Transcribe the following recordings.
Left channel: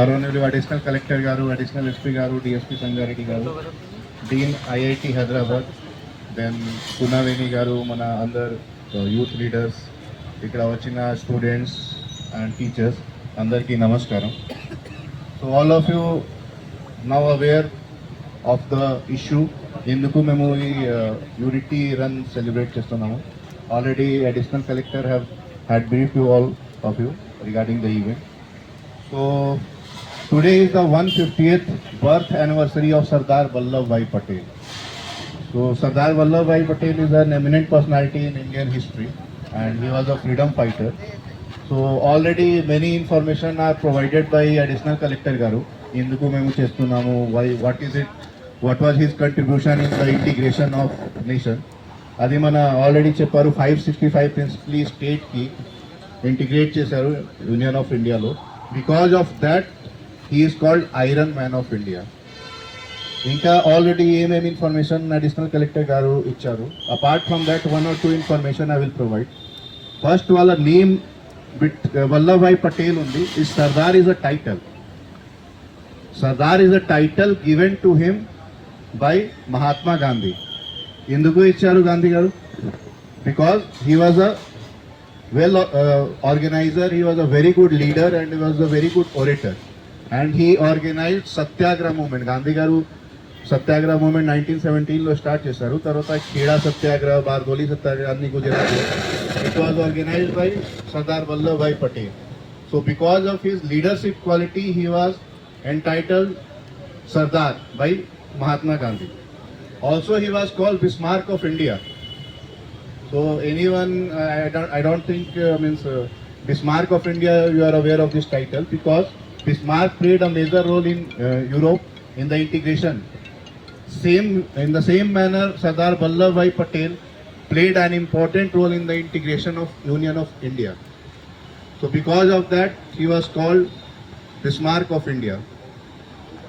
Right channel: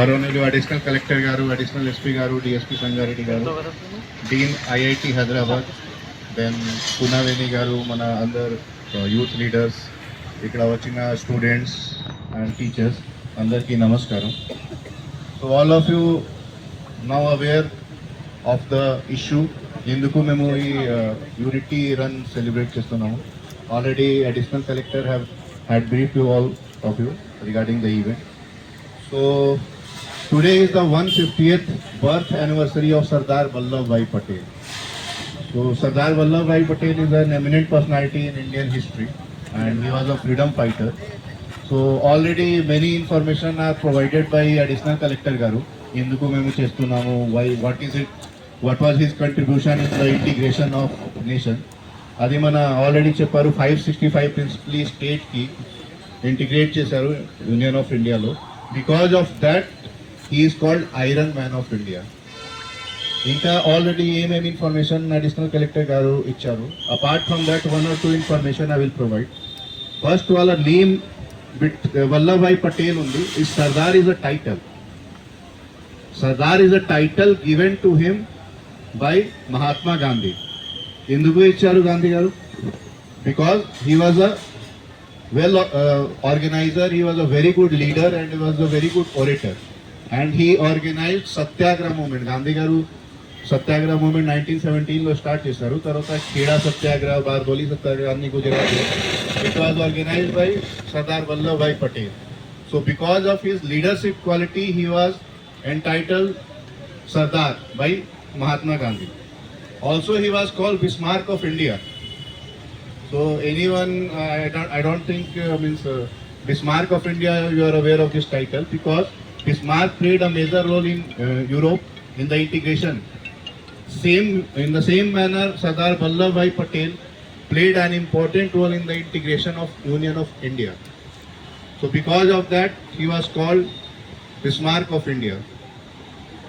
గౌరవనీయులు additional collector గారు additional SP గారు డిఎస్పీ సంగారెడ్డి గారు dean IIT Hyderabad then Punaveni గారు మన అందరు uh, యూత్ లీడర్స్ ఇక్కడ వచ్చిన స్టూడెంట్స్ అండ్ టీచర్స్ అందరికీ నమస్కారం. So all of you now aware of the issue ఎందుకు మేము ఈ యూనిటీ రన్ సెలబ్రేట్ చేస్తున్నాము? Already additional collector have had brief you all of you regarding the event so today is the 150th birth anniversary of Sardar Vallabhbhai Patel. So Sardar Vallabhbhai Patel is an eminent personality in Indian history and he was a freedom fighter. So already many information are provided by additional collector garu. ఎందుకు మేము చేస్తున్నాము why what is it what was his contribution in the integration of nation అది మన already చెప్పారు five sixty five principally స్టేట్కి integrate చేశారు union of ఇండియాలో because of that he's called iron man of India ఇంకా ఆల్రెడీ ఏమేమి information additional collector గారు ఇచ్చారు? Apart from that one or two information I will provide first వాళ్ళ name bit Vallabhbhai Patel ఉంది. ఈ Sardar is a title Sardar is a title given to him by Mahatma Gandhi ఎందుకు ఇచ్చారు గాంధీ గారు? Because he was a well organizer he was a very good leader and he was a very good orator and he organized Satyagraha movement Gandhi గారు Satyagraha movement nineteen సెవెంటీన్లో start చేశారు తర్వాత ఖేడా సత్యాగ్రహ బార్దోలి సత్యాగ్రహ అన్ని Gujarat it was organized by Sardar Vallabhbhai Patel so because of his leadership quality he was entitled Sardar by Mahatma Gandhi also he was called Bismarck of India So anyone, uh, I don't, I don't think uh, means uh, Bismarck of India. You are aware Bismarck played a major role in uh, Europe in the integration. Same in the same manner, Sardar Vallabhbhai Patel played an important role in the integration of Union of India. So because of that, he was called Bismarck of India.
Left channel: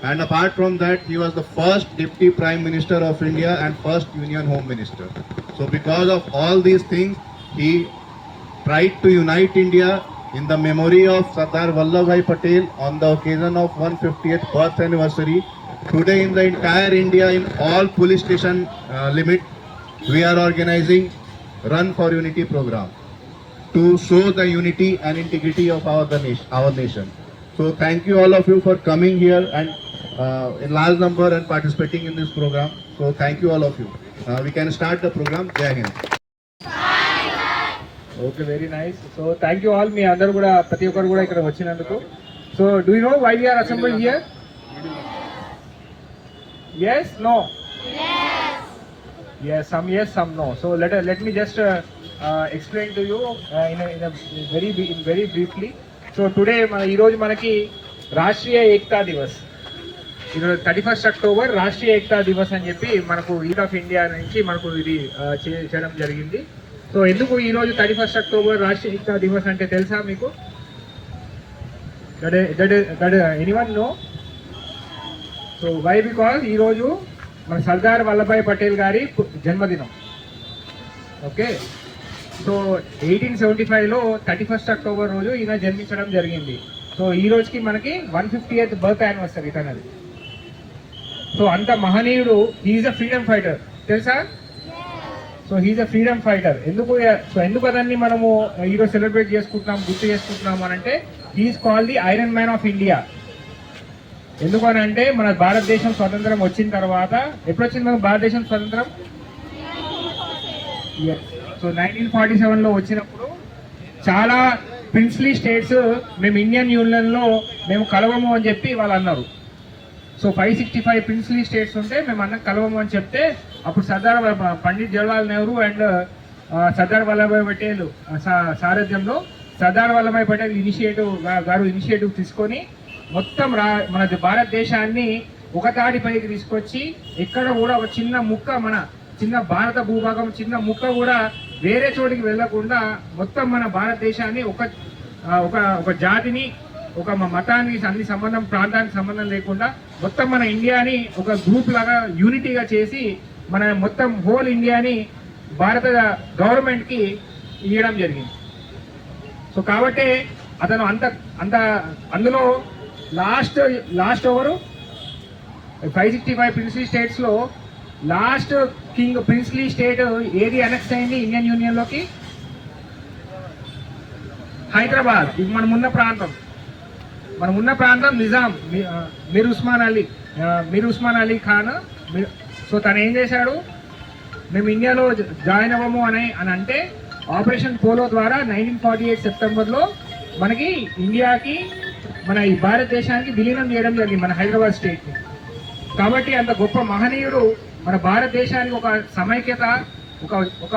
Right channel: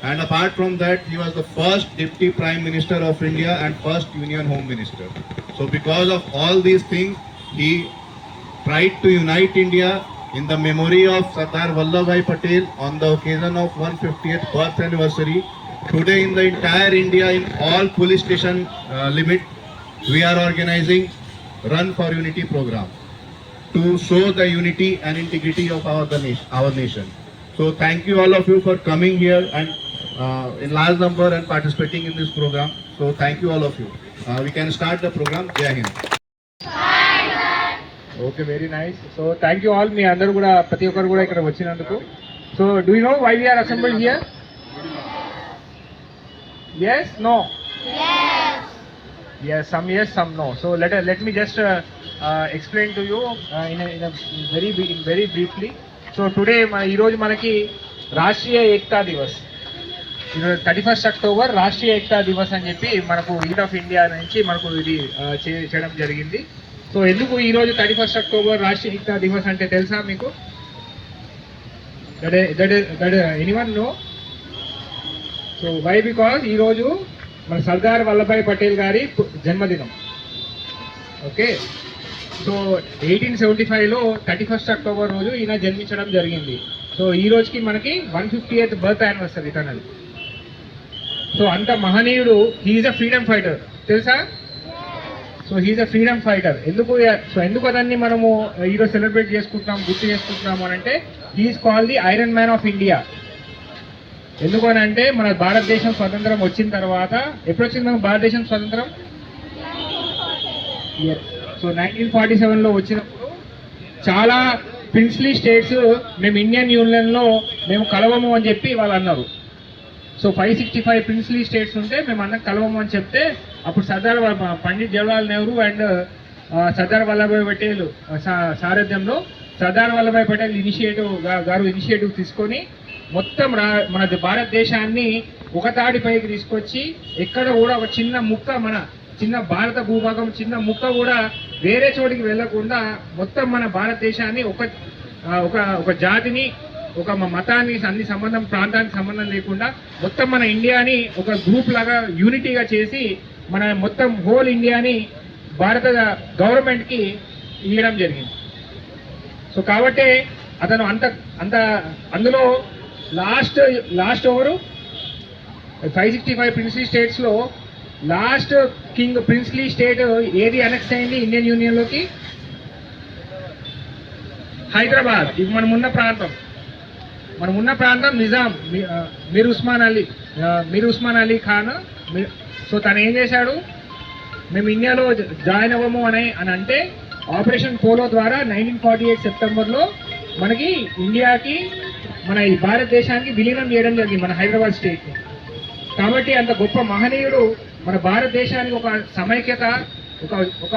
And apart from that, he was the first Deputy Prime Minister of India and first Union Home Minister. So because of all these things, he tried to unite India in the memory of Sardar Vallabhbhai Patel on the occasion of 150th birth anniversary. Today in the entire India, in all police station uh, limit, we are organizing Run for Unity program to show the unity and integrity of our, nation, our nation. So thank you all of you for coming here and uh, in large number and participating in this program. So thank you all of you. Uh, we can start the program. Jai Hind. Okay very nice so thank you all మీ అందరు కూడా ప్రతి ఒక్కరు కూడా ఇక్కడ వచ్చినందుకు. So do you know why we are assembled here yes no yes. Some yes some no. So let let me just uh, uh, explain to you uh, in, a, in a very in very briefly. So today మన ఈరోజు మనకి రాష్ట్రీయ ఏకతా దివస్. ఈరోజు thirty first October Rashtriya Ekta Diwas అని చెప్పి మనకు youth of India నుంచి మనకు ఇది uh, చేయడం జరిగింది. సో ఎందుకు ఈ రోజు thirty first October Rashtriya Ekta Diwas అంటే తెలుసా మీకు? Anyone anyone no so why because ఈరోజు మన సర్దార్ వల్లభాయ్ పటేల్ గారి జన్మదినం. ఓకే సో ఎయిటీన్ సెవెంటీ ఫైవ్లో థర్టీ ఫస్ట్ అక్టోబర్ రోజు ఈయన జన్మించడం జరిగింది. సో ఈ రోజుకి మనకి one fifty eighth birth anniversary తనది. సో అంత మహనీయుడు హీఈస్ అ ఫ్రీడమ్ ఫైటర్ తెలుసా? So he's a freedom fighter ఎందుకు సో ఎందుకు అదన్ని మనము uh, ఈరోజు సెలబ్రేట్ చేసుకుంటున్నాం గుర్తు చేసుకుంటున్నాం అని అంటే he's call the iron man of India ఎందుకనంటే మన భారతదేశం స్వతంత్రం వచ్చిన తర్వాత ఎప్పుడు వచ్చింది మనకు భారతదేశం స్వతంత్రం? సో నైన్టీన్ ఫార్టీ సెవెన్లో వచ్చినప్పుడు చాలా ప్రిన్స్లీ స్టేట్స్ మేము ఇండియన్ యూనియన్లో మేము కలవము అని చెప్పి వాళ్ళు అన్నారు. So five sixty five princely states ఉంటే మేము అన్న కలవమని చెప్తే అప్పుడు సర్దార్ పండిత్ జవహర్లాల్ నెహ్రూ అండ్ సర్దార్ వల్లభాయ్ పటేల్ సారథ్యంలో సర్దార్ వల్లభాయ్ పటేల్ ఇనిషియేటివ్ గారు ఇనిషియేటివ్ తీసుకొని మొత్తం రా మన భారతదేశాన్ని ఒక తాటిపైకి తీసుకొచ్చి ఎక్కడ కూడా ఒక చిన్న ముక్క మన చిన్న భారత భూభాగం చిన్న ముక్క కూడా వేరే చోటికి వెళ్ళకుండా మొత్తం మన భారతదేశాన్ని ఒక ఒక జాతిని ఒక మ- మతాన్ని అన్ని సంబంధం ప్రాంతానికి సంబంధం లేకుండా మొత్తం మన ఇండియాని ఒక గ్రూప్ లాగా యూనిటీగా చేసి మన మొత్తం హోల్ ఇండియాని భారత గవర్నమెంట్కి ఇవ్వడం జరిగింది. సో కాబట్టి అతను అంత అంత అందులో last last over five sixty five princely స్టేట్స్లో లాస్ట్ కింగ్ ప్రిన్స్లీ స్టేట్ ఏది అనెక్స్ అయింది ఇండియన్ యూనియన్లోకి హైదరాబాద్ ఇది మనం ఉన్న ప్రాంతం. మనం ఉన్న ప్రాంతం నిజాం. మీర్ ఉస్మాన్ అలీ మీర్ ఉస్మాన్ అలీ ఖాన్ మీ- సో తను ఏం చేశాడు? మేము ఇండియాలో జాయిన్ అవ్వము అని అని అంటే ఆపరేషన్ పోలో ద్వారా నైన్టీన్ ఫార్టీ ఎయిట్ సెప్టెంబర్లో మనకి ఇండియాకి మన ఈ భారతదేశానికి విలీనం చేయడం జరిగింది మన హైదరాబాద్ స్టేట్ని కాబట్టి అంత గొప్ప మహనీయుడు మన భారతదేశానికి ఒక సమైక్యత ఒక ఒక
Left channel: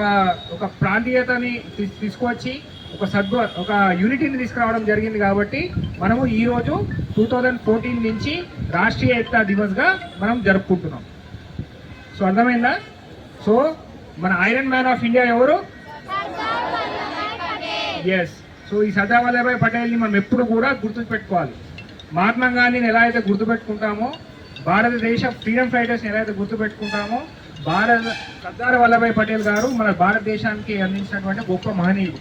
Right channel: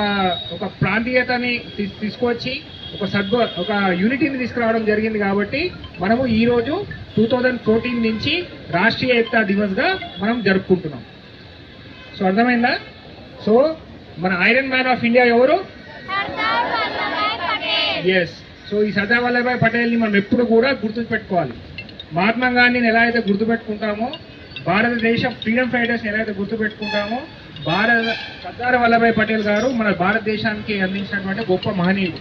ఒక ప్రాంతీయతని తీసుకొచ్చి ఒక సద్గు ఒక యూనిటీని తీసుకురావడం జరిగింది కాబట్టి మనము ఈరోజు టూ థౌజండ్ ఫోర్టీన్ నుంచి రాష్ట్రీయ ఏకతా దివస్గా మనం జరుపుకుంటున్నాం. సో అర్థమైందా? సో మన ఐరన్ మ్యాన్ ఆఫ్ ఇండియా ఎవరు? ఎస్ సో ఈ సర్దార్ వల్లభాయ్ పటేల్ని మనం ఎప్పుడు కూడా గుర్తుపెట్టుకోవాలి. మహాత్మా గాంధీని ఎలా అయితే గుర్తుపెట్టుకుంటామో భారతదేశ ఫ్రీడమ్ ఫైటర్స్ని ఎలా అయితే గుర్తుపెట్టుకుంటామో భారత సర్దార్ వల్లభాయ్ పటేల్ గారు మన భారతదేశానికి అందించినటువంటి గొప్ప మహనీయుడు.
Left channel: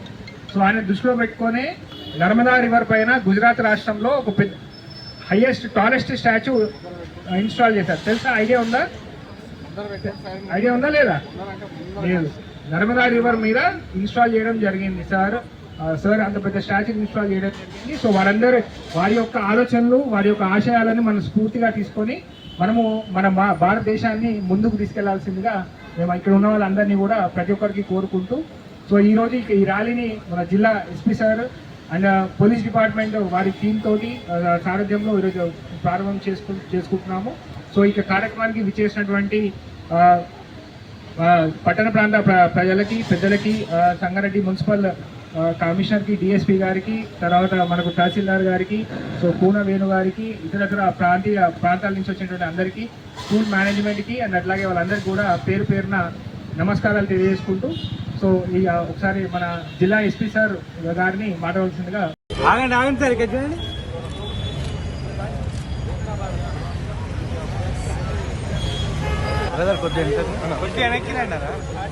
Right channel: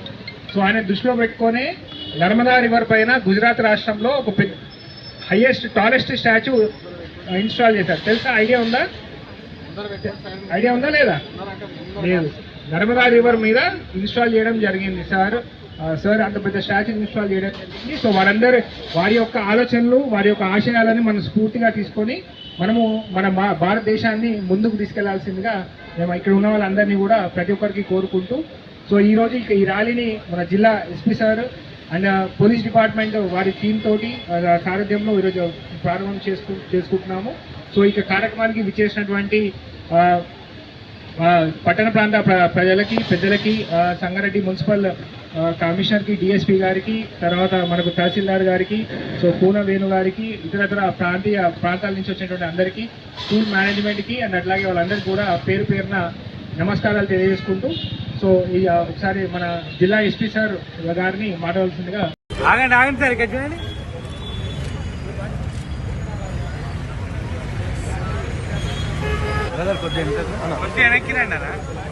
సో ఆయన దృష్టిలో పెట్టుకొని నర్మదా రివర్ పైన గుజరాత్ రాష్ట్రంలో ఒక పెద్ద హైయెస్ట్ టాలెస్ట్ స్టాచ్యూ ఇన్స్టాల్ చేశారు. తెలుసా? ఐడియా ఉందా? ఐడియా ఉందా లేదా? లేదు. నర్మదా రివర్ మీద ఇన్స్టాల్ చేయడం జరిగింది సార్. సార్ అంత పెద్ద స్టాచ్యూ ఇన్స్టాల్ చేయడం జరిగింది. సో వారందరూ వారి యొక్క ఆలోచనలు వారి యొక్క ఆశయాలను మనం స్ఫూర్తిగా తీసుకొని మనము మన భా- భారతదేశాన్ని ముందుకు తీసుకెళ్ళాల్సిందిగా మేము ఇక్కడ ఉన్న వాళ్ళందరినీ కూడా ప్రతి ఒక్కరికి కోరుకుంటూ సో ఈ రోజు ఇక ఈ ర్యాలీని మన జిల్లా SP sir and police department వారి టీమ్ తోటి సారథ్యంలో ఈరోజు ప్రారంభం చేసుకు చేసుకుంటున్నాము. సో ఇక కార్యక్రమానికి విచ్చేసినటువంటి పట్టణ ప్రాంత ప్ర- ప్రజలకి పెద్దలకి సంగారెడ్డి మున్సిపల్ కమిషనర్కి డిఎస్పీ గారికి తర్వాత మనకు తహసీల్దార్ గారికి సో పూన వేణు గారికి ఇతరతర ప్రాంతీయ ప్రాంతాల నుంచి వచ్చినటువంటి అందరికీ స్కూల్ మేనేజ్మెంట్కి అండ్ అట్లాగే వాళ్ళందరికీ కూడా పేరు పేరున నమస్కారాలు తెలియజేసుకుంటూ సో ఈ ఆ, ఒకసారి మన జిల్లా ఎస్పీ సార్ గారిని మాట్లాడాల్సిందిగా ఆగండి ఆగండి సార్ ఇక్కడ చూడండి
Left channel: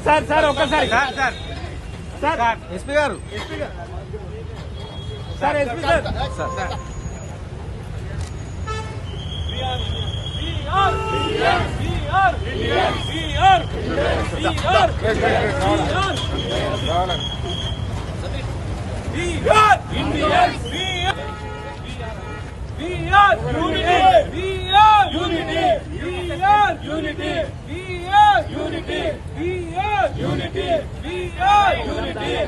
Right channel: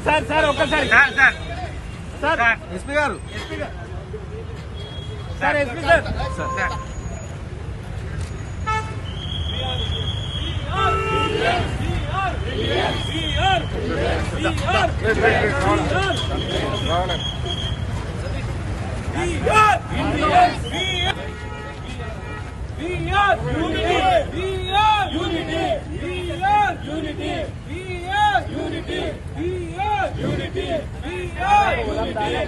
సార్ సార్ ఒక్కసారి సార్ సార్ సార్ ఎస్పీ గారు sir SP sir sir sir We are unity. We are unity. We are unity. We are unity. We are unity. We are unity. We are unity.